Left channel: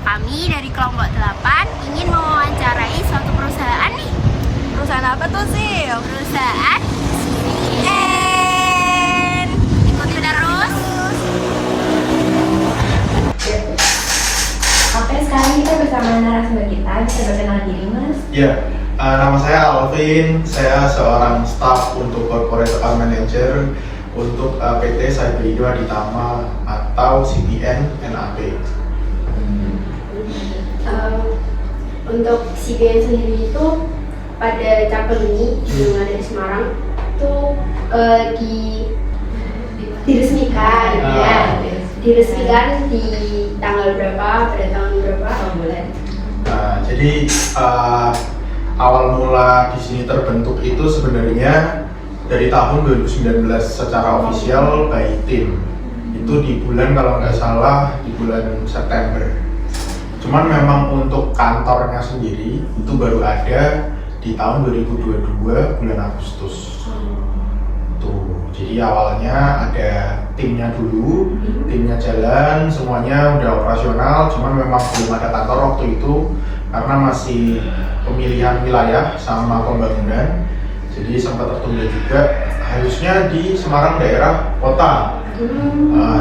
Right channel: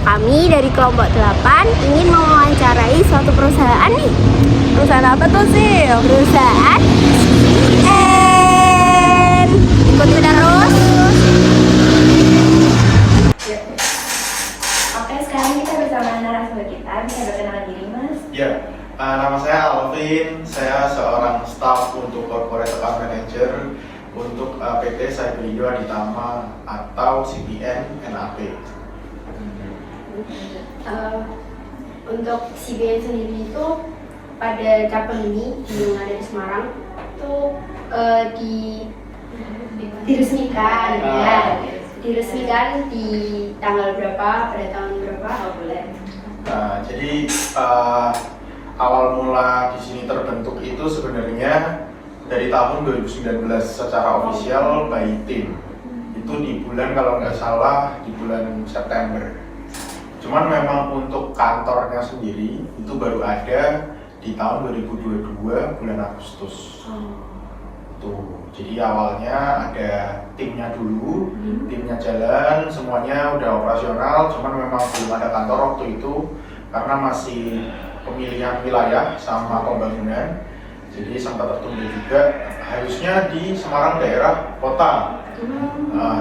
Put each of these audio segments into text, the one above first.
Kami dari kelompok 8 ingin mewawancarai suatu perusahaan nih. Perusahaan apa tuh sih? Perusahaan CBN. Ikuti terus. Oke, sekarang kita bersama narasumber kita. Bisa berkenalan diri, Mas? Ya, nama saya Alvin. Saya seorang staf untuk Corporate Account Manager untuk PT Cyber Aditama atau CBN NAP. Untuk CBN sendiri itu pada cabang ini yang ada di Semarang itu diresmikan diresmikan di tanggal berapa, pada tahun berapa? Bulan. Nah, jadi awal mula di sini terbentuk itu sebenarnya dari tahun 2019 secara ofisial by tim. Itu di bulan, kalau nggak salah, di bulan September. Cuman memang untuk kantornya sendiri itu baru ada di tahun 2022 bulan Agustus. Tuh, jadi awalnya ada timnya dulu, timnya jalan, semuanya udah operasional, cuman memang belum ada kantor waktu itu karena masih pemilihan wilayah sama pembangunan. Jadi sempat tertunda juga, harusnya di Semarang daerah kota.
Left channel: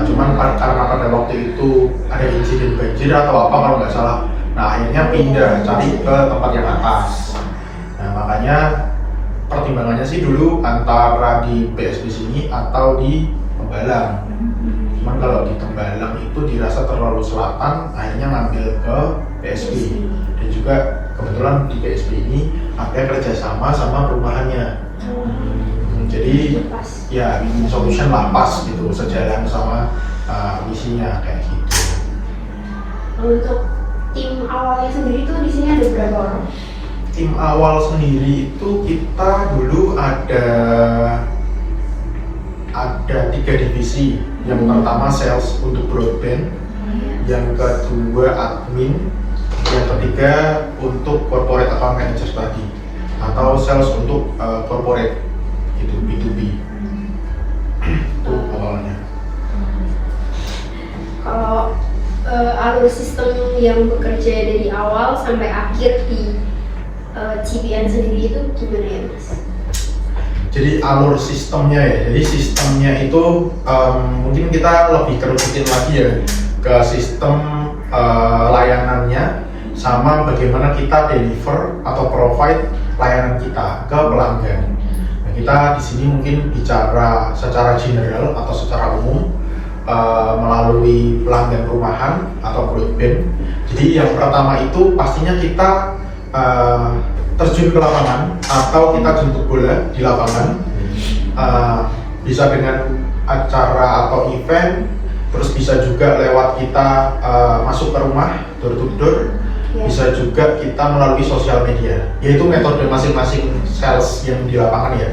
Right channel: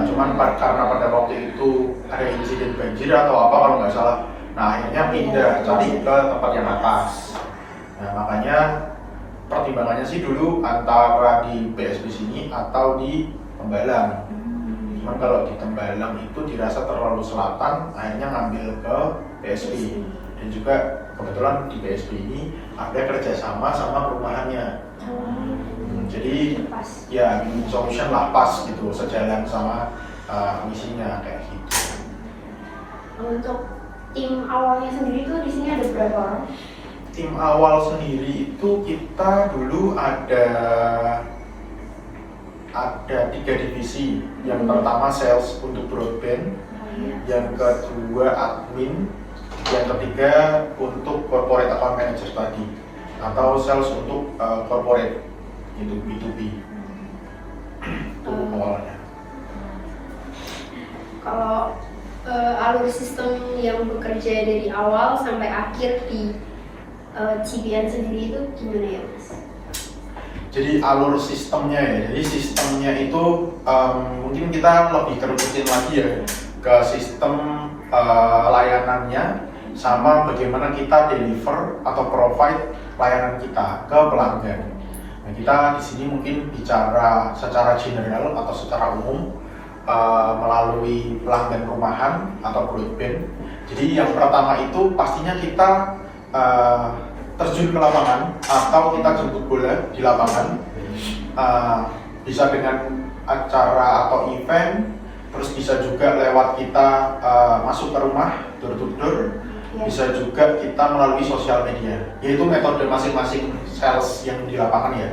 Cuman karena pada waktu itu ada insiden banjir atau apa kalau nggak salah, nah akhirnya pindah cari ke tempat yang atas. Nah makanya pertimbangannya sih dulu antara di BSP sini atau di Tembalang. Cuman kalau di Tembalang itu dirasa terlalu selatan, akhirnya ngambil ke BSP. Dan juga kebetulan di BSP ini ada kerjasama sama perumahannya. Jadi ya win-win solution lah, pas gitu, sejalan sama misinya kayak gitu. Untuk tim awalnya sendiri itu di sini ada berapa orang? Tim awal sendiri itu kita dulu ada 3 divisi. Yang pertama sales untuk broadband, yang kedua admin, yang ketiga untuk corporate account manager tadi, atau sales untuk corporate itu B2B. Itu awalnya. Kalau alur sistem yang bekerja dari awal sampai akhir di CBN sendiri itu gimana ya, Mas? Jadi alur sistemnya ya, jadi sistemnya itu mungkin kita lebih kerucutin lagi ya ke sistem layanannya sama bagaimana kita deliver atau provide layanan kita ke pelanggan. Nah, kita di sini mungkin bicara secara general atau secara umum melalui pelanggan rumahan atau broadband. Jadi yang pertama itu pastinya kita terjun ke lapangan atau kita jemput bola di lapangan, bisa dengan acara atau event, terus bisa juga lewat kita masuk ke rumah door to door, bisa juga kita melalui sosial media, yaitu metode masing-masing sales yang di lapangan ya,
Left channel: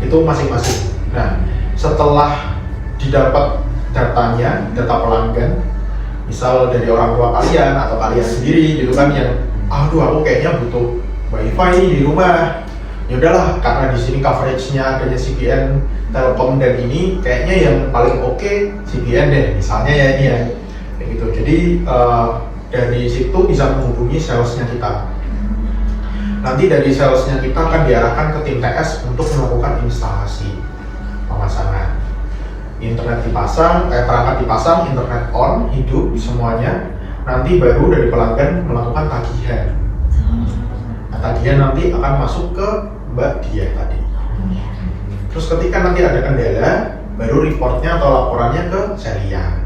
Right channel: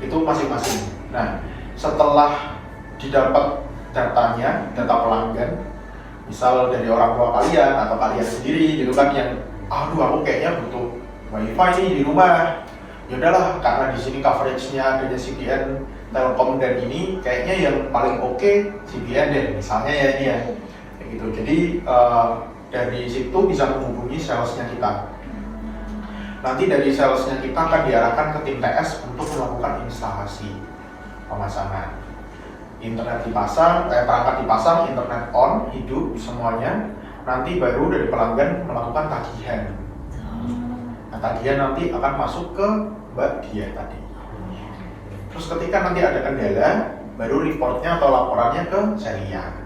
itu masing-masing. Nah setelah didapat datanya, data pelanggan, misal dari orang tua kalian atau kalian sendiri gitu kan, yang aduh aku kayaknya butuh wifi di rumah, ya udahlah karena di sini coveragenya adanya CBN, Telkom dan ini kayaknya yang paling oke CBN deh misalnya ya ini ya kayak gitu. Jadi dari situ bisa menghubungi salesnya kita. Nanti dari salesnya kita akan diarahkan ke tim TS untuk melakukan instalasi pemasangan. Internet dipasang, perangkat dipasang, internet on, hidup semuanya. Nanti baru dari pelanggan melakukan tagihan. Tagihan nanti akan masuk ke Mbak Dia tadi. Terus ketika nanti ada kendala, baru reportnya atau laporannya ke Celia.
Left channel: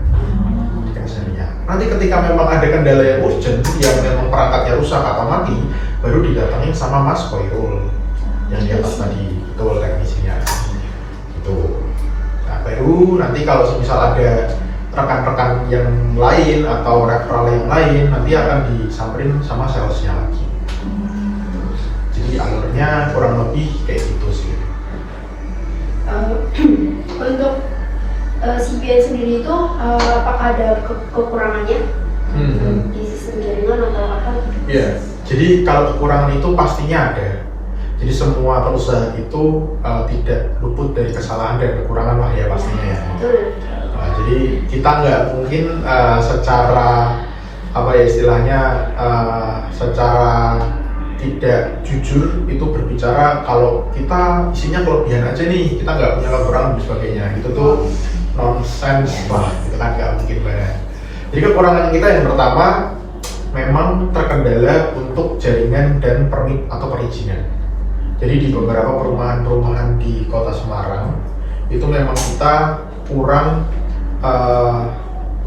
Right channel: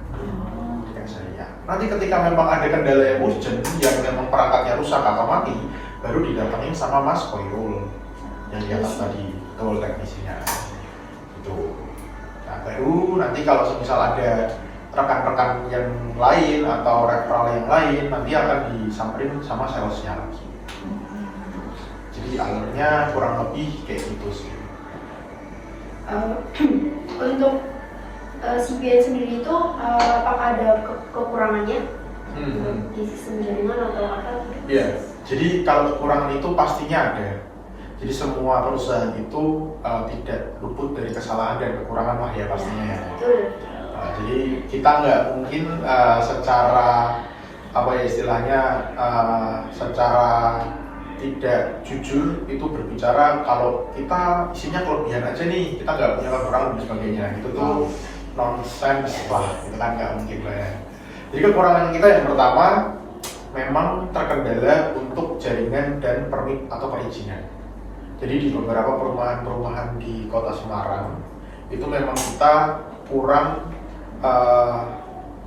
Nanti ketika memang ada kendala yang urgent, yang memang perangkatnya rusak atau mati, baru didatengin sama Mas Koirul yang di atas tadi, betul teknisinya. Gitu. Nah, baru nanti kalau misal ada rekan-rekan yang lain atau referral yang lain, nanti akan disamperin sama salesnya lagi. Jadi alurnya kurang lebih kayak gitu sih. Untuk CBN sendiri itu apakah ada kekurangannya di sistem jaringan atau apa? Ya, jadi kalau kekurangan itu pastinya ada. Jadi semua perusahaan itu tidak luput dari kesalahan dan kekurangan lah ya pastinya ya. Jadi kita nggak mungkin secara apa ya istilahnya secara tidak jujur itu berbicara kalau kita isinya kelebihan aja nih, kita nggak punya kekurangan dan sebagainya. Itu tuh nonsense lah, itu kan nggak mungkin banget. Jadi kekurangan kita yang pertama memang terkendala untuk jaringan dan permit atau perizinan. Jadi di beberapa perumahan-perumahan di Kota Semarang itu memang kita kurang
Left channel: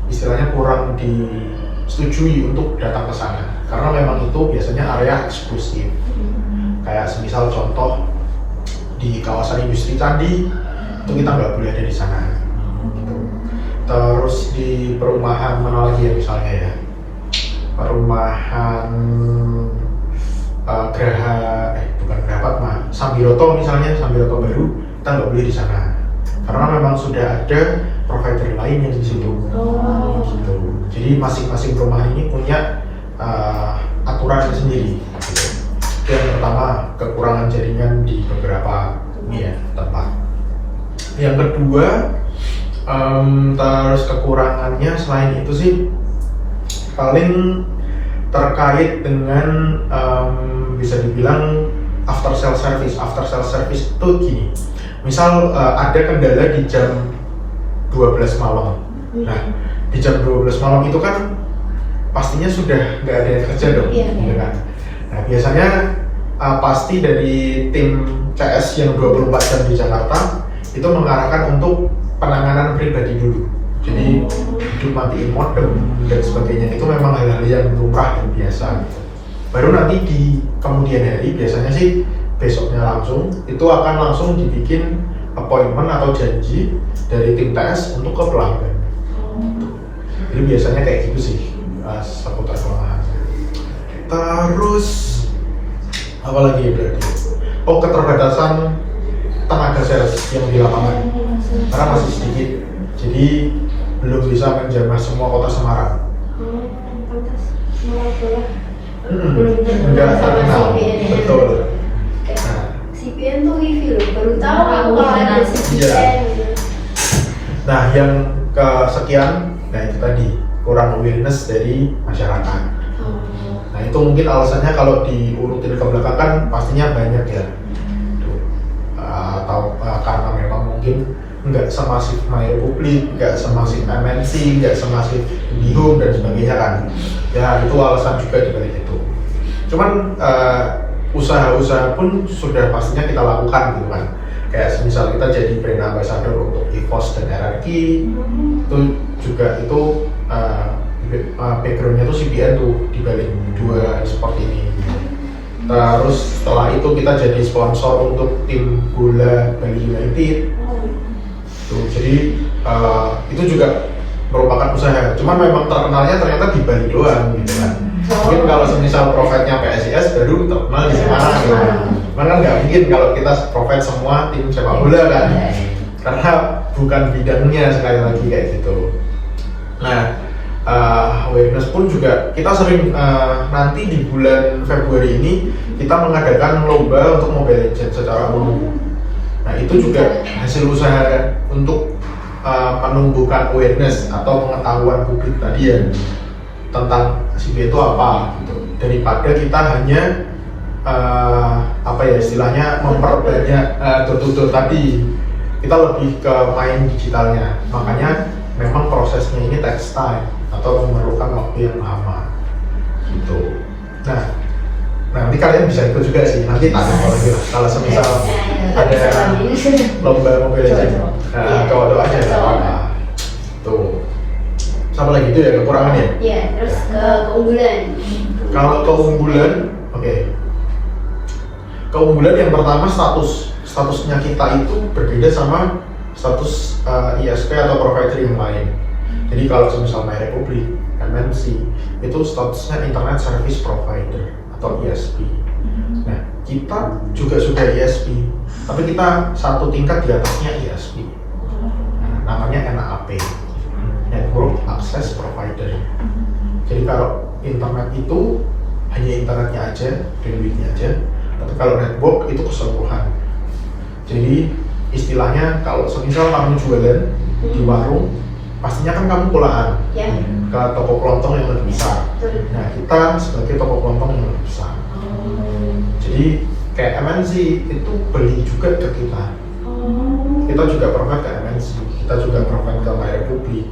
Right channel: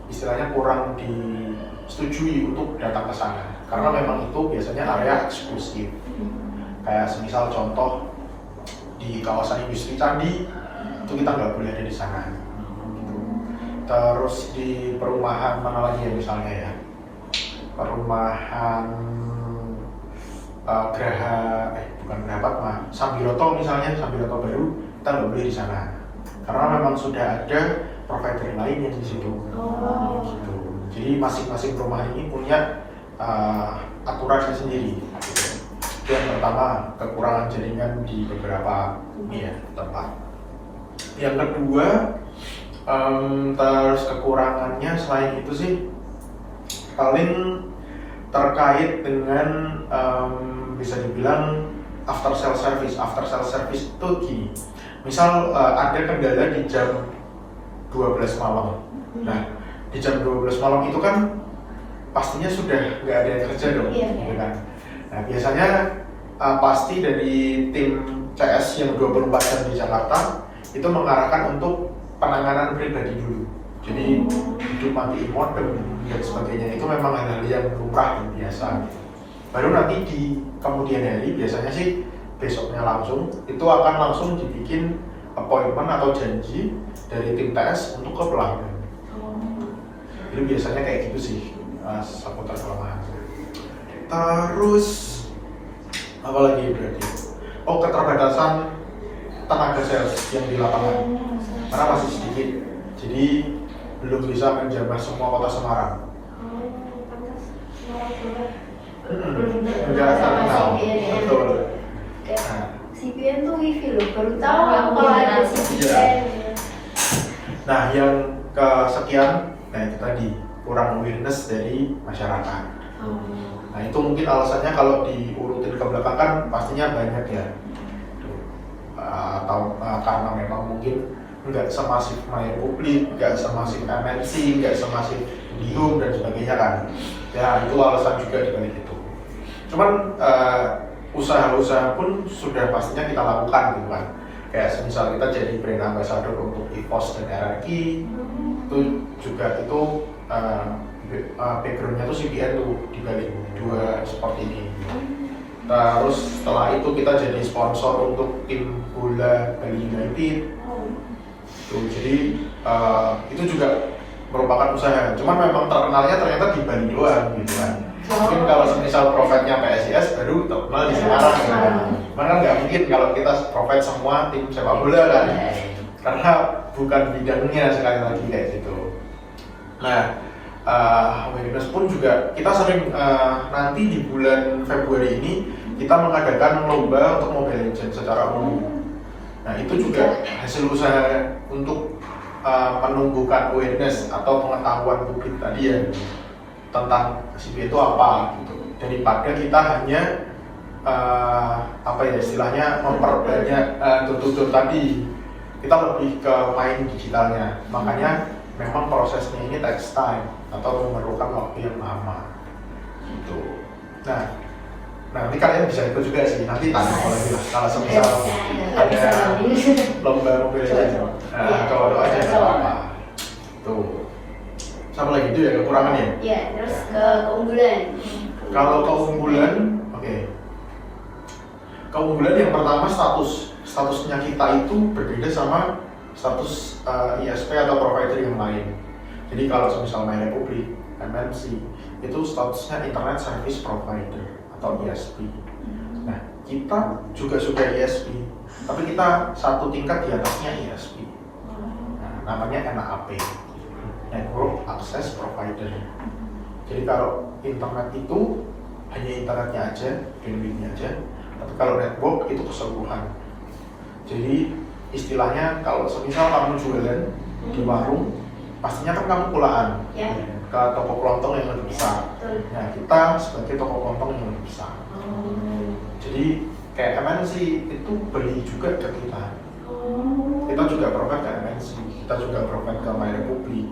istilahnya kurang disetujui untuk datang ke sana karena memang itu biasanya area eksklusif. Kayak semisal contoh di kawasan industri Candi itu kita nggak boleh ada di sana gitu. Terus di perumahan mana lagi ya misalnya ya, perumahan bukan Grahatma, Sambiroto misalnya, Sambiroto baru kita nggak boleh di sana karena memang sudah ada provider lain yang di situ. Gitu. Jadi masing-masing perumahan ini punya aturan sendiri. Gitu. Yang pertama kekurangan jaringan di beberapa tempat. Yang kedua terus kekurangannya selain itu sih paling terkait dengan bisa dibilang after sale service. After sale service itu gini, misal ada kendala di jam 12 malam. Nah, di jam 12 malam itu kan pastinya sudah nggak ada yang kerja dong, gitu kan? Nah, biasanya pasti dari tim CS yang 24 jam di Jakarta itu mengarahkan untuk penanganan pribadi dulu. Jadi hidup matiin modem dan sebagainya itu memang hal-hal yang lumrah dan biasa. Baru nanti di kemudian hari biasanya sih besoknya langsung itu akan langsung dibikin appointment atau janji dari tim TS untuk ke pelanggan. Jadi biasanya kayak gitu sih seputar kelemahan. Terus apa lagi ya berarti? Oh, keterbatasan tenaga sales yang di lapangan karena masih sedikit, jadi belum bisa menjamah semua kota Semarang. Enggak terkenal, betul. CPN tuh wifi loh, baru tahu aku kalau ada CPN. Iya. Nah, yang kesekian, nah itu tadi kurang awareness dari masyarakat. Nah itu mungkin alasannya kalau diurutin ke belakang kan pastinya banyak ya. Atau karena memang mungkin nggak semasif MyRepublik, nggak semasif MNC, nggak semasif IndiHome dan sebagainya kan. Ya itu alasan juga dibalik itu. Cuman usaha-usaha pun sudah pastinya kita lakukan gitu kan. Kayak misal kita jadi brand ambassador untuk EVOS dan RRQ, itu juga itu backgroundnya tuh CPN tuh dibalik dua seperti ini. Terus setelah itu kita jadi sponsor untuk tim bola Bali United. Tuh, jadi itu juga merupakan usaha. Cuman memang terkenalnya ternyata di Bali doang gitu kan. Mungkin kalau semisal profitnya PSIS baru terkenal di mana gitu kan. Cuman kan nggak mungkin kalau kita profit semua tim sepak bola kan. Karena bukan bidangnya sekali lagi kayak gitu. Nah, awareness pun juga kita sering nanti di bulan Februari ini kita mengadakan lomba untuk Mobile Legends secara umum. Nah itu juga hasil usaha untuk menumbuhkan awareness atau pengetahuan publik tadi ya tentang CB itu apa gitu. Daripada kita hanya apa ya istilahnya memperbanyak door-to-door tadi, kita lebih ke main digitalnya. Makanya memang prosesnya ini takes time atau memerlukan waktu yang lama gitu. Nah nanti kalian bisa ikut juga sih, nanti tanya lagi lah kalau semisal ada lomba Mobile Legends, doa aja nggak apa-apa tuh. Sama lagi itu ya kekurangannya? Iya, terus keunggulan. Kalau keunggulan, oke. Keunggulan yang pertama statusnya kita itu berbeda sama status ISP atau provider yang lain. Jadi kalau semisal MyRepublik, MNC itu statusnya Internet Service Provider atau ISP. Nah, kita juga sudah ISP, tapi kita satu tingkat di atasnya ISP. Namanya NAP, Network Access Provider. Jadi kalau internet itu hanya internetnya aja, bandwidthnya aja, tapi kalau network itu keseluruhan. Jadi istilahnya kalau semisal kamu jualan di warung, pastinya kan kamu pulaan Ya. ke toko kelontong yang lebih besar. Betul. Nah, kita sebagai toko kelontong yang lebih besar. Jadi kayak MNC itu beli juga ke kita. Kita juga provide ke MNC, kita juga provide ke My Republic.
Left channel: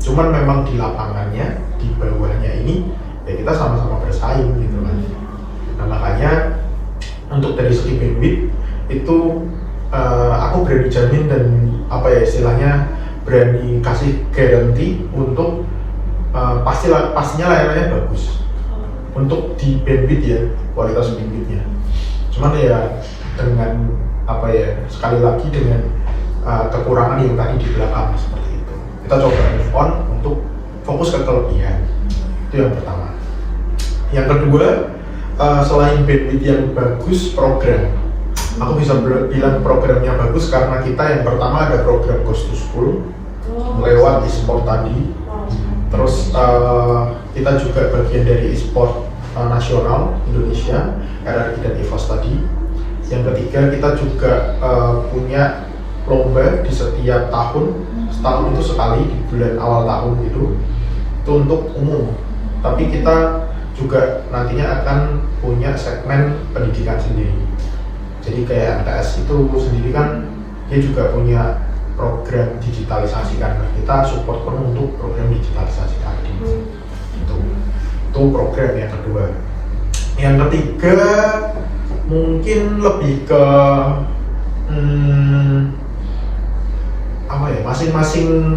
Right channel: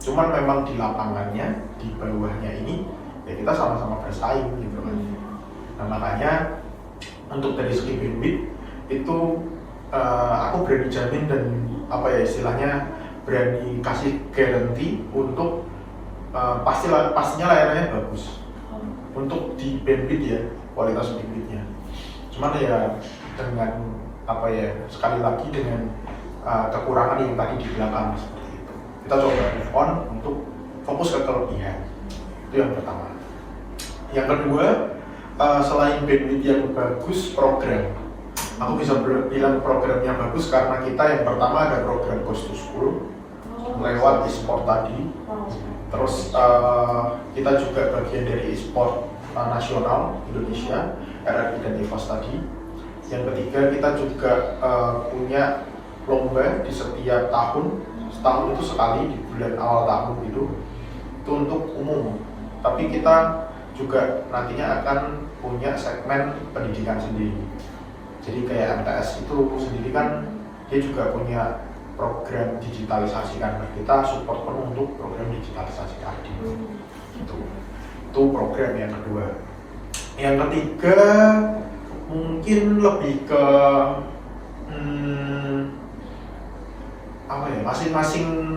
Cuman memang di lapangannya, di bawahnya ini, ya kita sama-sama bersaing gitu kan. Nah makanya untuk dari segi bandwidth itu aku berani jamin dan apa ya istilahnya berani kasih garansi untuk pastinya layanannya bagus untuk di bandwidth ya, kualitas bandwidthnya. Cuman ya dengan apa ya sekali lagi dengan kekurangan yang tadi di belakang seperti itu, kita coba move on untuk fokus ke kelebihan. Itu yang pertama. Yang kedua, selain bandwidth yang bagus, program. Aku bisa bilang programnya bagus karena kita yang pertama ada program Ghost to School lewat e-sport tadi. Terus kita juga bagian dari e-sport nasional Indonesia, RRQ dan EVOS tadi. Yang ketiga, kita juga punya lomba di setiap tahun, setahun itu sekali di bulan awal tahun gitu. Itu untuk umum. Tapi kita juga nantinya akan punya segmen pendidikan sendiri. Jadi kayak MTS itu sendiri kan dia juga punya program digitalisasi kan, kita support penuh untuk program digitalisasi tadi. Itu program yang kedua. Yang ketiga mungkin lebih ke apa ya, masing-masing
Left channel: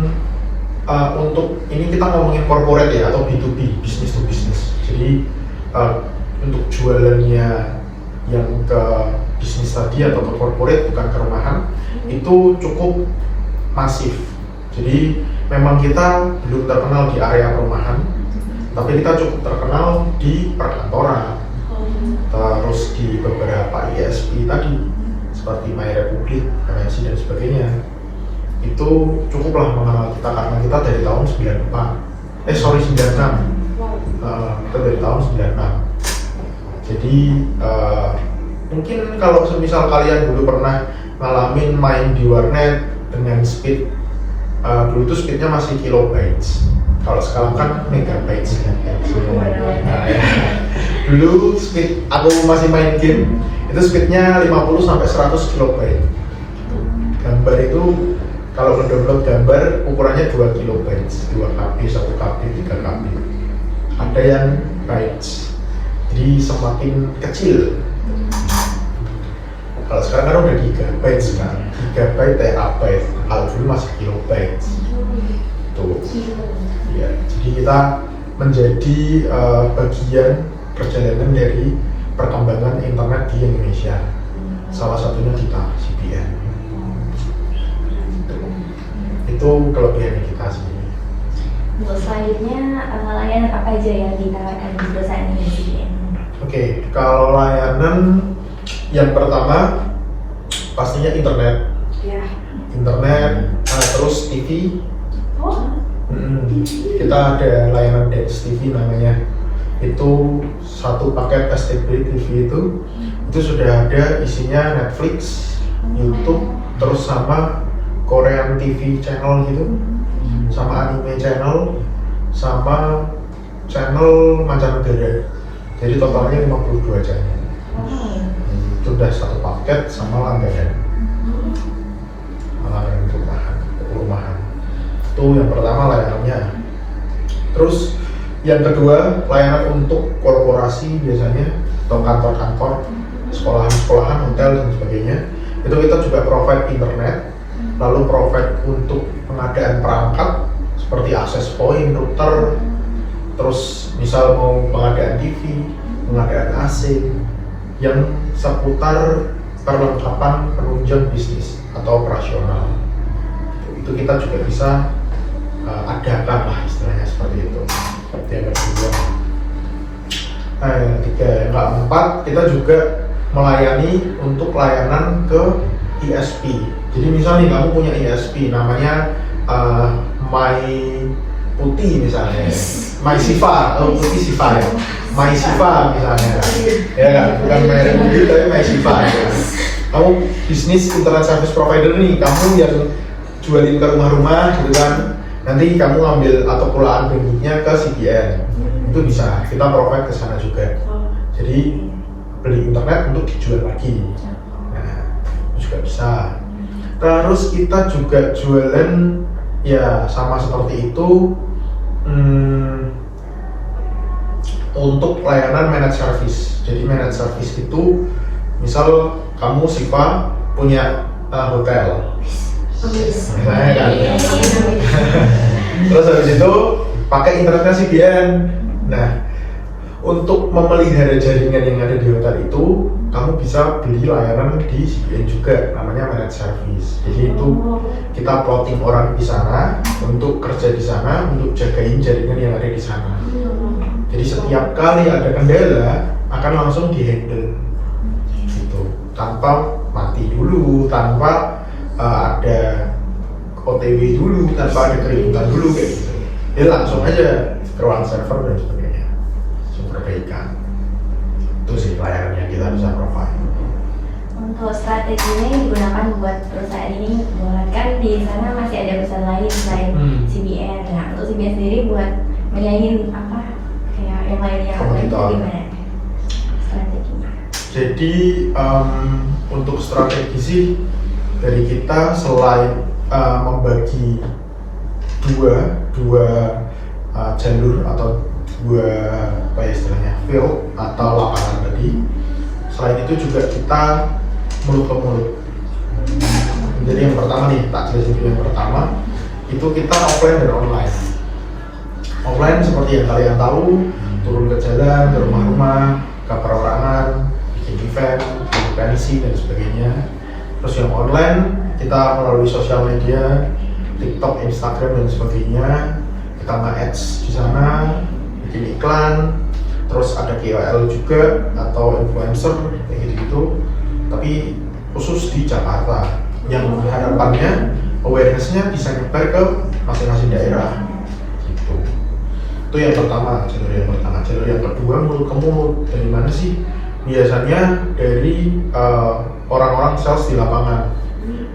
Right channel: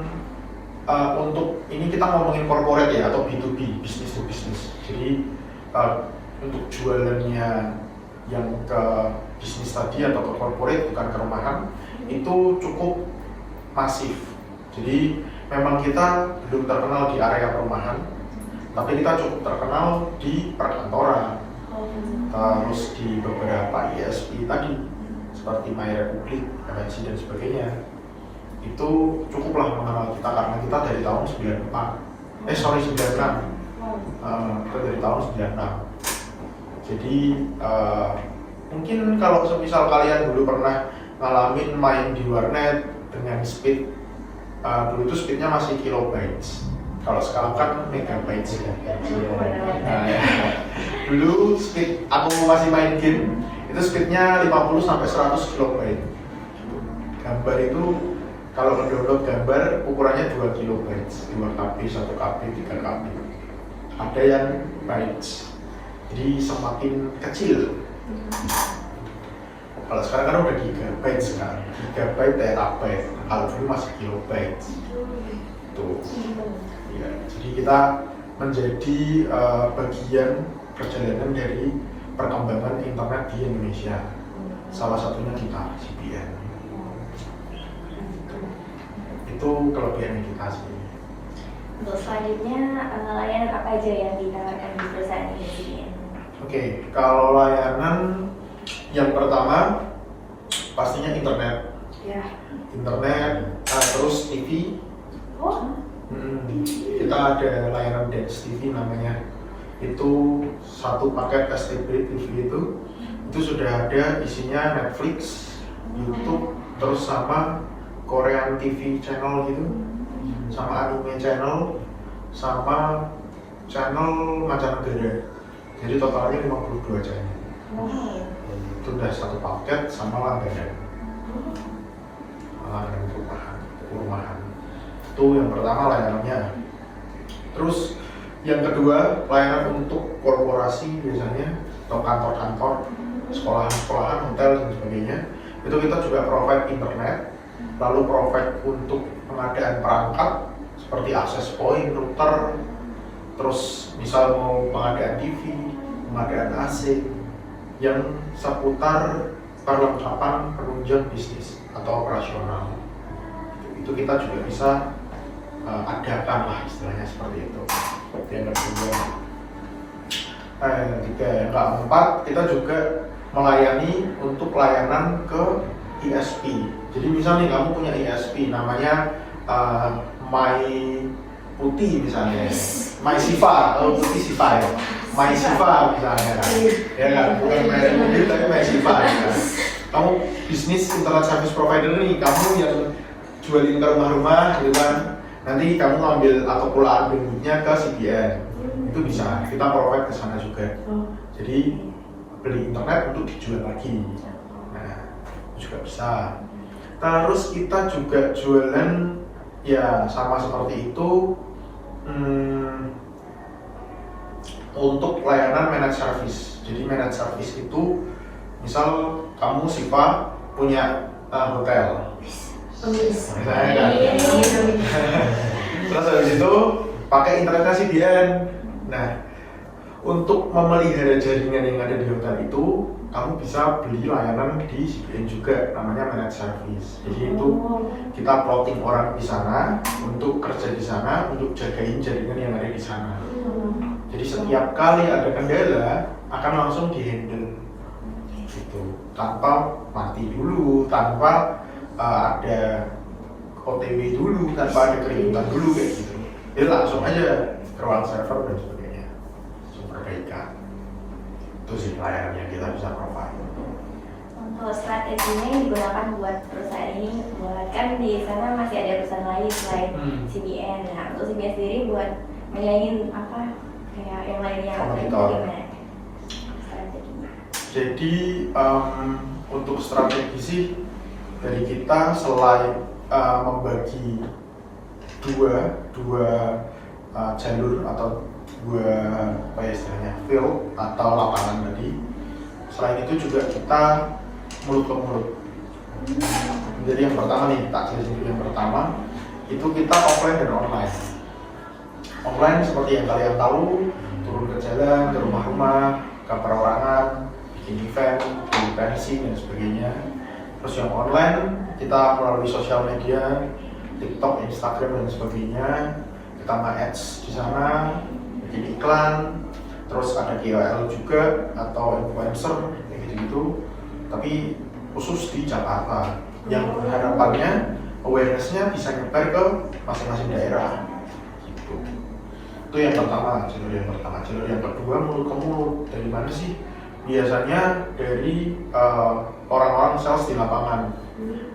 untuk ini kita ngomongin corporate ya atau B2B, business to business. Jadi untuk jualannya yang ke bisnis tadi atau ke corporate bukan ke rumahan itu cukup masif. Jadi memang kita belum terkenal di area perumahan, tapi kita cukup terkenal di perkantoran, terus di beberapa ISP tadi seperti My Republic, MNC dan sebagainya. Itu cukuplah mengenal kita karena kita dari tahun 96. Kita dari tahun 96. Jadi mungkin kalau semisal kalian dulu pernah ngalamin main di warnet dengan speed dulu tuh speednya masih kilobytes, kalau sekarang kan megabytes kan. Nah, ya. Dulu speed aku masih main game itu speednya 50 sampai 100 kilobyte. Gambar itu kalau mendownload gambar ukurannya 2 kilobytes, 2 KB, 1 KB, 3 KB. Ada yang bytes. Jadi semakin kecil. Kalau sekarang kan udah gigabyte kan, gigabyte, terabyte. Kalau dulu masih kilobyte. Tuh. Ya, jadi kita menjadi bagian perjalanan dari perkembangan internet di Indonesia. Salah satunya kita CBN. Itu kelebihan kita sih. Selanjutnya layanan apa aja yang ditawarkan di perusahaan ini CBN? Oke, kalau layanan yang pertama pastinya internet, terus TV. Kita ada layanan Dance TV namanya. Itu satu paket STB TV itu sudah ada isinya Netflix, YouTube, terus sama Korean TV channel gitu, sama anime channel, sama channel mancanegara. Jadi totalnya 52 channel. Itu udah satu paket sama langganan rumahan. Itu yang pertama layanannya. Terus yang kedua layanan untuk korporasi biasanya atau kantor-kantor, sekolahan-sekolahan, hotel dan sebagainya. Itu kita juga provide internet, lalu provide untuk pengadaan perangkat seperti access point, router, terus misal mau pengadaan TV, pengadaan AC yang seputar perlengkapan penunjang bisnis atau operasional. Itu kita juga bisa adakan lah istilahnya seperti itu. Yang kedua. Nah yang ketiga, yang keempat kita juga melayani untuk layanan ke ISP. Jadi misal nih kamu punya ISP namanya My Putih misalnya, My Siva, Putih Siva ya, My Siva misalnya, ya kan, bukan My Republic tapi My Siva ya. Kamu bisnis internet service provider nih, kamu yang jualin ke rumah-rumah gitu kan, nanti kamu ngambil atau pulaan bandwidthnya ke CBN, itu bisa, kita provide ke sana juga. Jadi beli internet untuk dijual lagi, nah itu juga bisa. Terus kita juga jualan ya sama seperti itu, untuk layanan managed service. Jadi managed service itu misal kamu Siva punya hotel, misalnya kan. Terus habis itu pakai internetnya CBN. Nah, untuk memelihara jaringan yang ada di hotel itu, kamu bisa beli layanan di CBN juga, namanya managed service. Jadi itu kita plotting orang di sana untuk kerja di sana, untuk jagain jaringan yang ada di sana. Jadi setiap kali ada kendala akan langsung dihandle, gitu, tanpa mati dulu, tanpa ada OTW dulu, tanpa ada keributan dulu kayak gitu. Dia langsung aja ke ruang server dan sebagainya, perbaikan. Itu sih pelayanan yang kita bisa provide. Untuk strateginya yang digunakan buat perusahaan ini, kan di sana masih ada perusahaan lain selain CBN. Nah, untuk CBN sendiri buat menyaingin apa kayak yang lainnya, gimana strateginya? Jadi untuk strategi sih dari kita selain membagi dua jalur atau dua apa ya istilahnya field atau lapangan tadi. Selain itu juga kita mulut ke mulut. Jadi yang pertama nih, tak jelasin yang pertama itu kita offline dan online. Offline seperti yang kalian tahu, turun ke jalan, ke rumah-rumah, ke perorangan, bikin event, bikin pensi dan sebagainya. Terus yang online kita melalui sosial media, TikTok, Instagram dan sebagainya. Kita nge-ads di sana, bikin iklan, terus ada KOL juga atau influencer kayak gitu-gitu. Tapi khusus di Jakarta, yang harapannya awareness-nya bisa nyebar ke masing-masing daerah. Gitu. Itu yang pertama, jalur yang pertama. Jalur yang kedua mulut ke mulut. Dari mana sih? Biasanya dari orang-orang sales di lapangan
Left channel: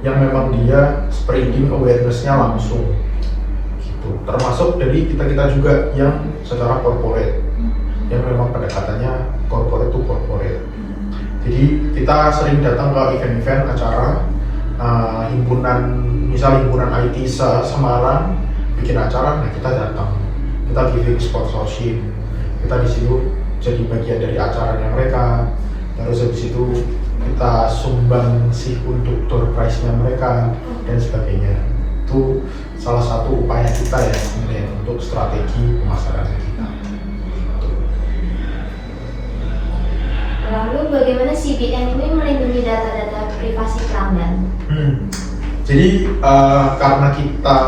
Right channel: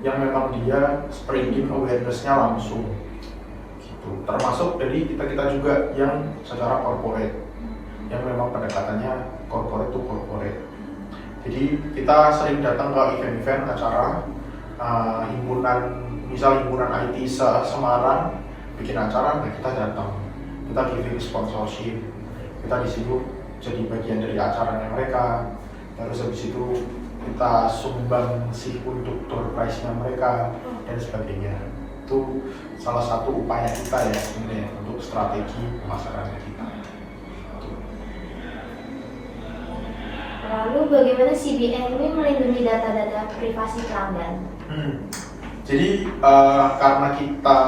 yang memang dia spreading awareness-nya langsung. Gitu. Termasuk dari kita juga yang secara corporate, yang memang pendekatannya corporate to corporate. Jadi kita sering datang ke event-event acara himpunan, misal himpunan IT Semarang bikin acara, nah kita datang, kita giving sponsorship, kita disuruh jadi bagian dari acaranya mereka. Terus habis itu kita sumbang sih untuk door prize-nya mereka dan sebagainya. Itu salah satu upaya kita ya sebenarnya untuk strategi pemasaran kita. Lalu bagaimana CBN ini melindungi data-data privasi pelanggan? Jadi karena kita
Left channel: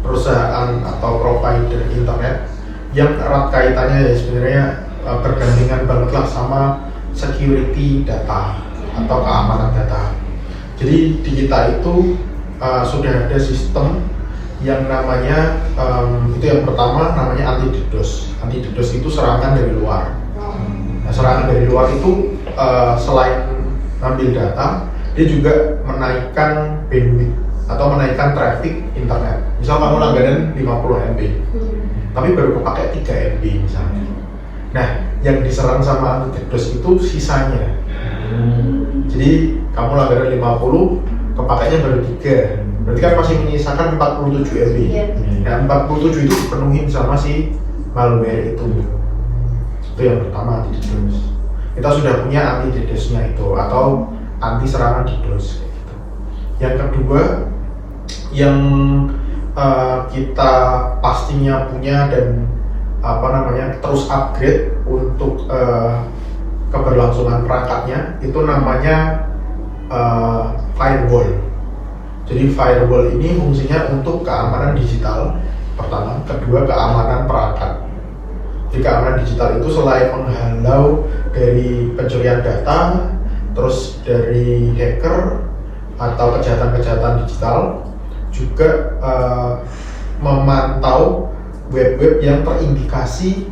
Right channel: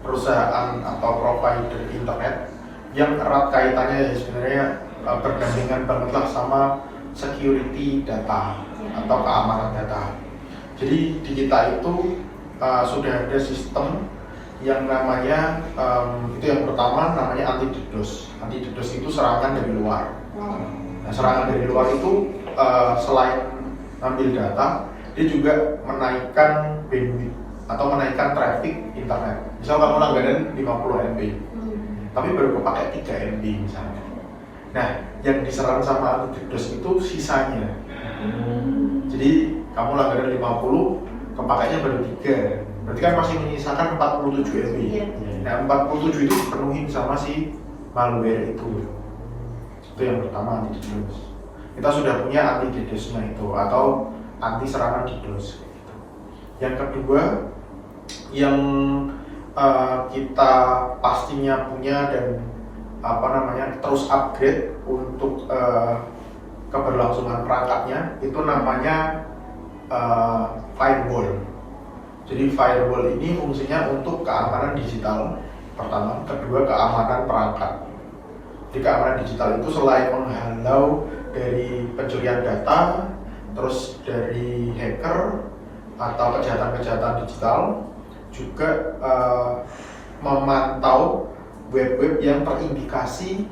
perusahaan atau provider internet yang erat kaitannya ya sebenarnya bergandengan banget lah sama security data atau keamanan data. Jadi di kita itu sudah ada sistem yang namanya itu yang pertama namanya anti DDoS. Anti DDoS itu serangan dari luar. Nah, serangan dari luar itu selain ambil data, dia juga menaikkan bandwidth atau menaikkan traffic internet. Misal kamu langganan 50 MB, tapi baru pakai 3 MB misalnya. Nah, yang diserang sama anti DDoS itu sisanya. Jadi kamu langganan 50, kepakainya baru 3. Berarti kan masih menyisakan 47 MB. Nah, 47 itu dipenuhi sama si malware itu. Itu yang pertama, anti DDoS. Kita sudah punya anti DDoS-nya itu atau anti serangan DDoS kayak gitu. Yang kedua yang kita pastinya punya dan terus upgrade untuk keberlangsungan perangkatnya itu namanya firewall. Jadi firewall ini fungsinya untuk keamanan digital pertama, kedua keamanan perangkat. Jadi keamanan digital itu selain menghalau dari pencurian data, terus dari hacker atau kejahatan-kejahatan digital, juga memantau web-web yang terindikasi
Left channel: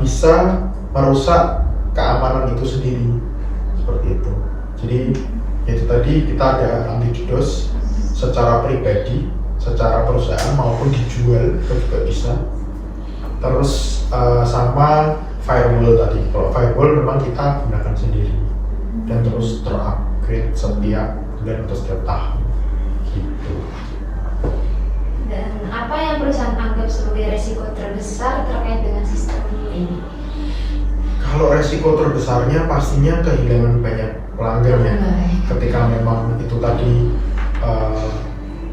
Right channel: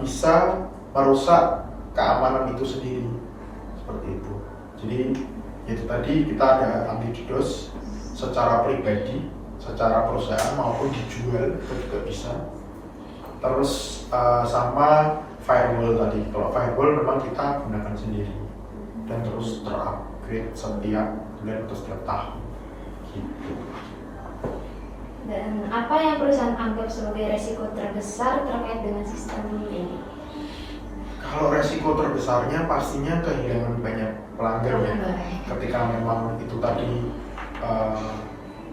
bisa merusak keamanan itu sendiri, seperti itu. Jadi itu tadi kita ada anti DDoS secara pribadi secara perusahaan maupun dijual itu juga bisa. Terus sama firewall tadi, kalau firewall memang kita gunakan sendiri dan terus terupgrade setiap bulan atau setiap tahun gitu. Dan apa yang perusahaan anggap sebagai risiko terbesar terkait dengan sistem ini? Kalau resiko terbesarnya pastinya kehilangan banyak pelanggan ya. Ketika memang itu tadi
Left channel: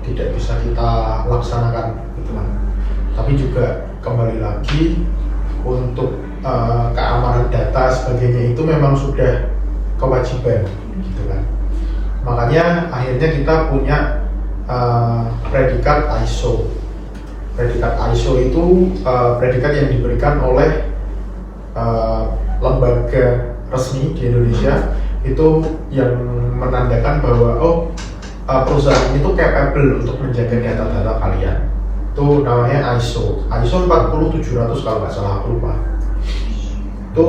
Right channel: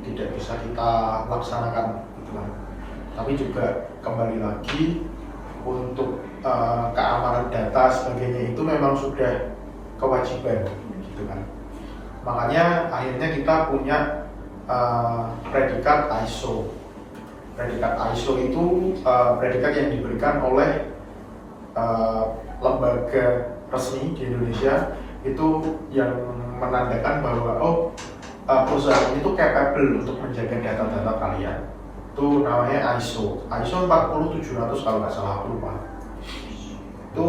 tidak bisa kita laksanakan gitu kan. Tapi juga kembali lagi untuk keamanan data sebagainya itu memang sudah kewajiban gitu kan. Makanya akhirnya kita punya predikat ISO. Predikat ISO itu predikat yang diberikan oleh lembaga resmi di Indonesia itu yang menandakan bahwa perusahaan itu capable untuk menjaga data-data kalian. Itu namanya ISO 40700 kalau nggak salah, aku lupa. Itu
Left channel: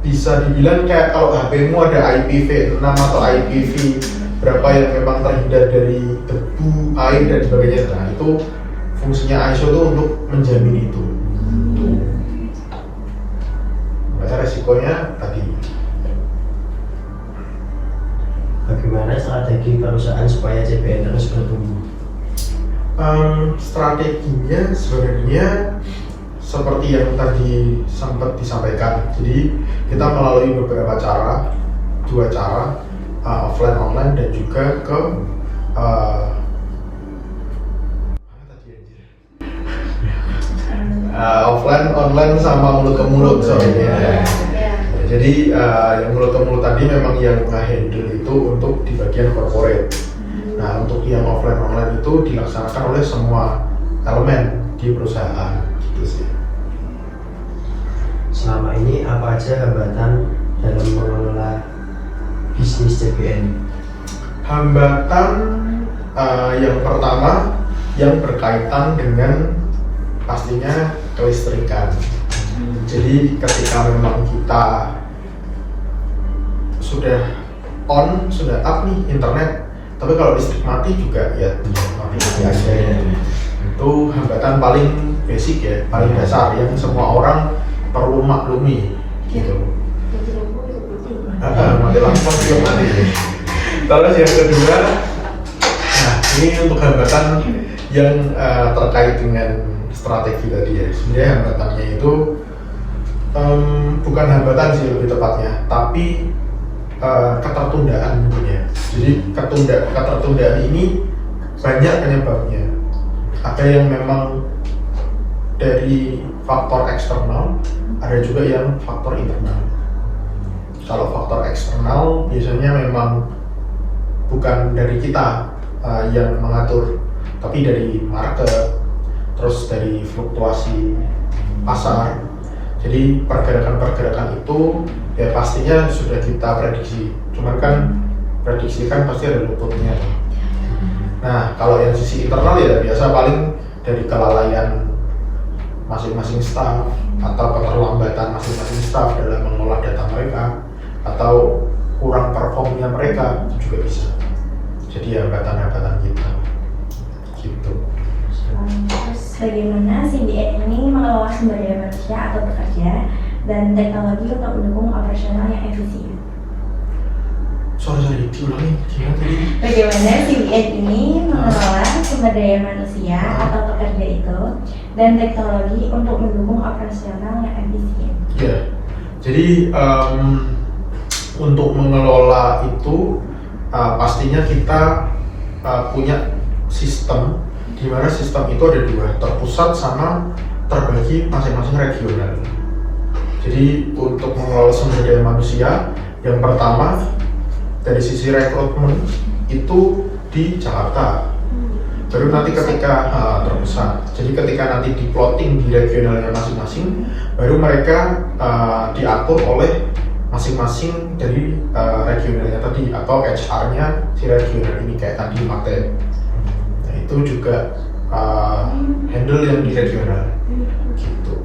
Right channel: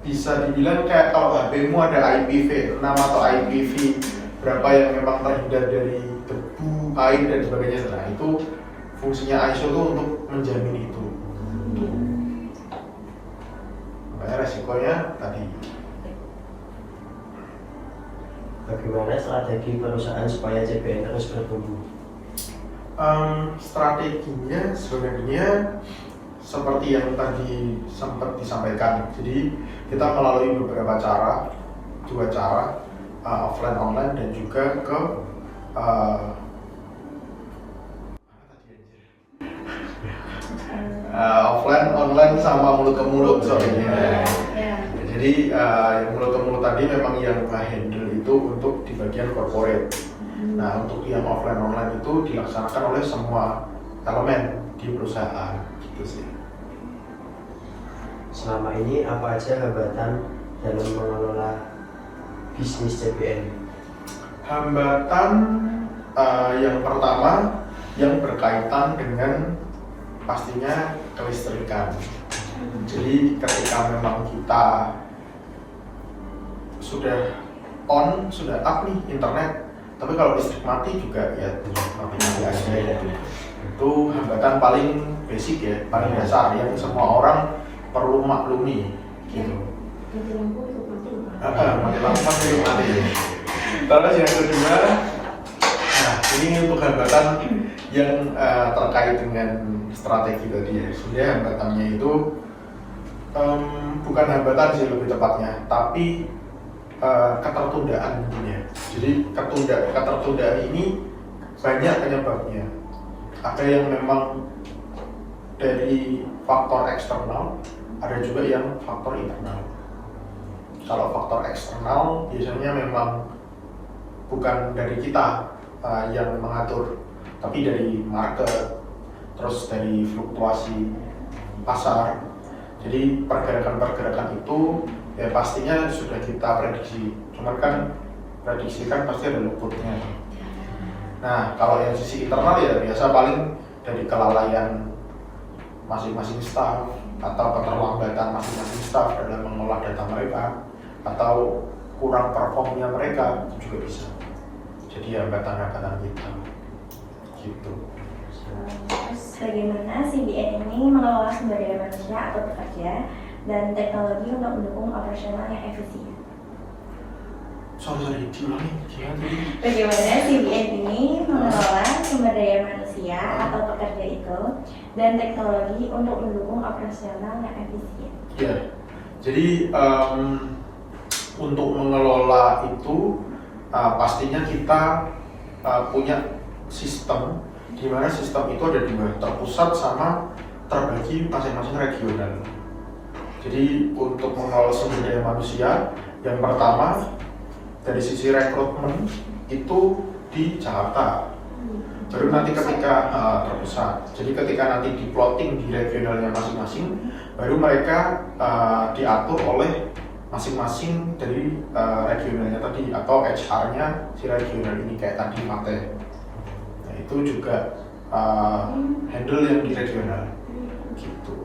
bisa dibilang kayak kalau HP-mu ada IPv6 atau IPv berapa yang memang terhindar dari debu, air dan sebagainya. Nah itu fungsinya ISO itu untuk menjamin itu. Makanya resikonya tadi. Bagaimana strategi perusahaan supaya CBN terus bertumbuh? Strateginya sebenarnya seperti yang tadi sempat disampaikan. Jadi kita melalui beberapa cara, 2 cara, offline online dan juga ke offline online sama mulut ke mulut soalnya. Jadi yang mulut ke mulut tadi memang yang handle itu untuk di bagian corporate. Nah untuk yang offline online itu dilaksanakan oleh semua elemen di perusahaan gitu sih. Selama ini apa aja hambatan dalam mengelola bisnis CBN? Hambatan yang pertama yang berkaitan dengan pastinya kelistrikan. Jadi ketika memang kita sudah on, sudah up nih internet, tapi kalau listrik mati juga ya mati biasa ya. Itu hambatan paling basic ya, paling dasar yang semua orang perlu maklumi gitu. Mati lampu juga mati. Terus yang kedua, nah ini untuk hambatan yang terkait dengan strategi tadi ya. Sebenarnya hambatannya itu bukan hambatan sih lebih tepatnya, tapi ketertundaan ya. Jadi ketertundaan ini banyak penyebabnya. Ada yang memang dari faktor eksternal, ada juga yang faktor internal. Kalau faktor eksternal biasanya memang bukan dari kita yang mengatur, tapi dari market, terus dari fluktuasi pasar. Jadi pergerakan-pergerakan itu ya pastinya sudah kita prediksi, cuman kan prediksi kan pasti ada luputnya. Nah kalau yang sisi internal ya biasa paling dari kelalaian masing-masing staff atau keterlambatan masing-masing staff dalam mengolah data mereka atau kurang performnya mereka itu juga bisa jadi hambatan-hambatan kita gitu. Terus bagaimana CBN ini mengelola sumber daya manusia atau pekerja dan teknologi untuk mendukung operasional yang efisien? Sorry, diulangi gimana tadi? Bagaimana CBN ini mengelola sumber daya manusia atau pekerja itu dan teknologi untuk mendukung operasional yang efisien? Ya, jadi untuk mengelola itu pastinya kita punya sistem di mana sistem itu ada 2, terpusat sama terbagi masing-masing regional. Jadi untuk mengelola sumber daya manusia, yang pertama dari sisi rekrutmen itu di Jakarta. Baru nanti ketika terpusat, jadi ketika nanti di plotting di regionalnya masing-masing, baru mereka diatur oleh masing-masing dari regionalnya tadi atau HR-nya si regional ini kayak tadi Mate. Nah itu juga handle yang di regional gitu.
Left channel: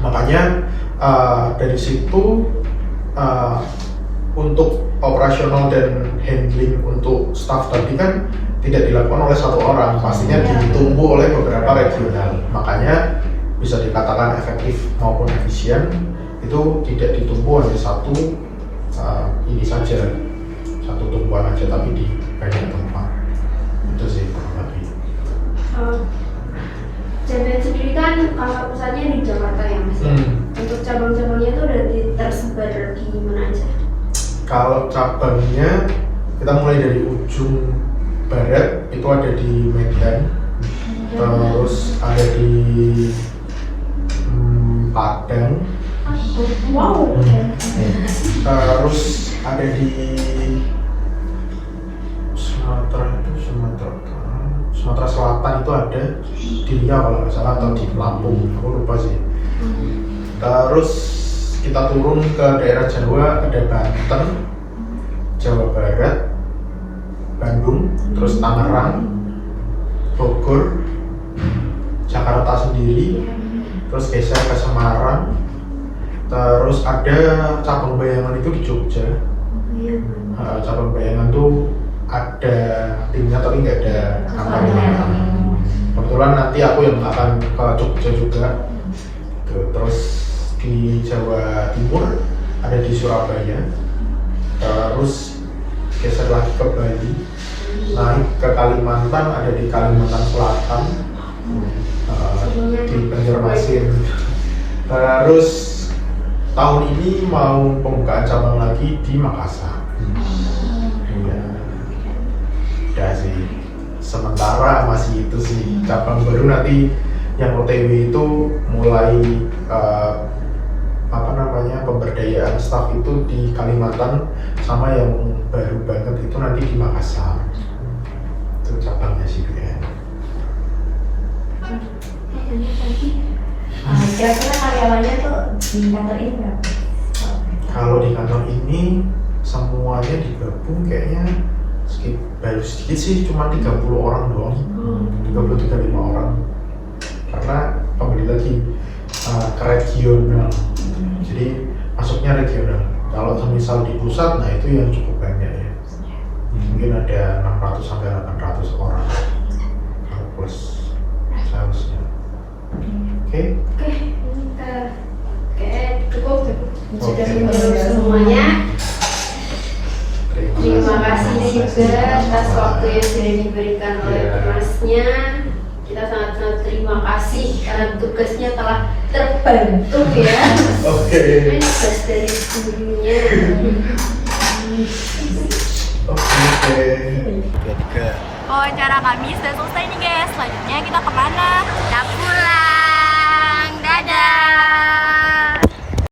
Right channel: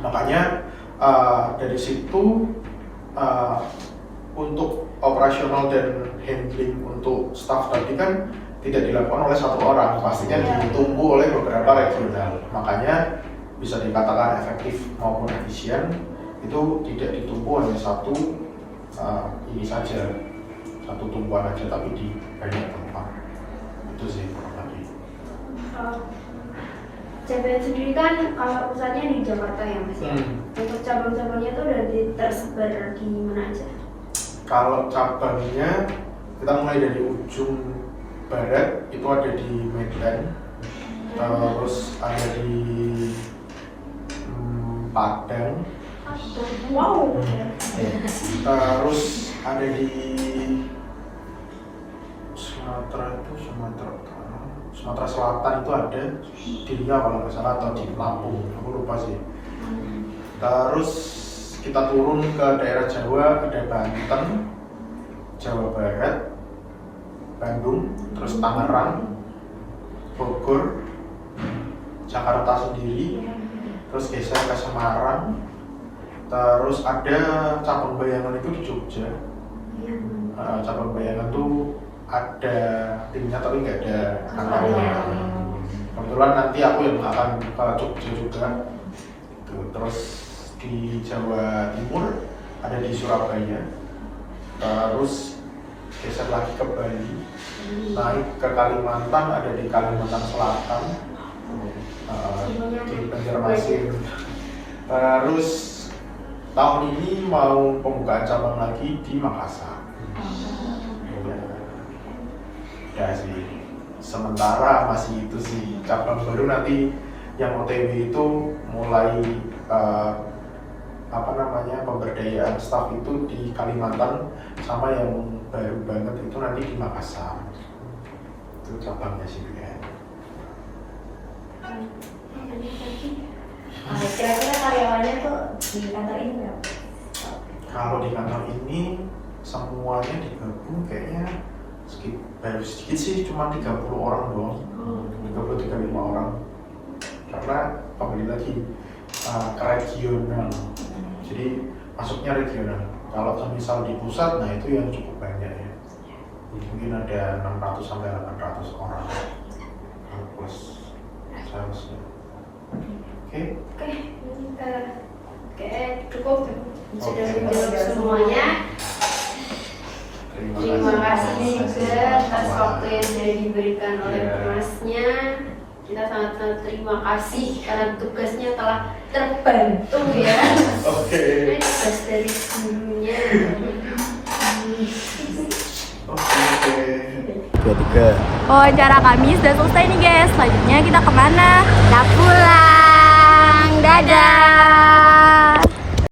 Makanya dari situ untuk operasional dan handling untuk staff tadi kan tidak dilakukan oleh satu orang, pastinya ditunggu oleh beberapa regional. Makanya bisa dikatakan efektif maupun efisien itu tidak ditunggu hanya satu ini saja, satu tumpuan aja, tapi di banyak tempat. Itu sih kurang lebih. CBN sendiri kan kantor pusatnya di Jakarta ya Mas. Untuk cabang-cabangnya itu udah tersebar di mana aja? Kalau cabangnya kita mulai dari ujung barat itu ada di Medan, terus ada di Padang, Wow. terus ada di Sumatera Selatan itu ada di Riau kalau nggak salah, atau di Lampung, aku lupa sih. Terus kita turun ke daerah Jawa, ada Banten, Jawa Barat, Bandung, terus Tangerang, Bogor, Jakarta sendiri, terus geser ke Semarang, terus ada cabang Bayangan itu di Jogja. Cabang Bayangan tuh ada timnya tapi nggak ada kantornya. Kebetulan nanti aku yang akan ke Jogja juga. Terus di Jawa Timur ada di Surabaya, terus geser lagi ke Bali, naik ke Kalimantan, ada di Kalimantan Selatan, di Banjarmasin. Terus tahun ini mau pembukaan cabang lagi di Makassar. Ya, udah sih. Sementara masih itu sih, cabang baru nanti yang OTW itu mulai pemberdayaan staff itu di Kalimantan, sama yang baru banget itu nanti di Makassar. Itu cabangnya sih kayaknya. Kira-kira karyawannya tuh di kantor ini berapa? Kalau di kantor ini semuanya digabung kayaknya baru sedikit sih, cuma 30 orang doang, 30-35 orang. Karena kembali lagi ke regional, jadi masuknya regional. Kalau misal di pusat, nah itu yang cukup banyak ya. Mungkin ada 600 sampai 800 orang plus salesnya. Oke. Cukup sudah menjawab semuanya. Terima kasih juga atas waktu yang sudah diberikan oleh Masnya. Kita sangat-sangat terima kasih karena tugasnya telah terbantu ya. Oke. Tugas dari sebelumnya. Oke. Wawancara kami sudah selesai nih guys. Selanjutnya kita kemana? Kita pulang. Dadah.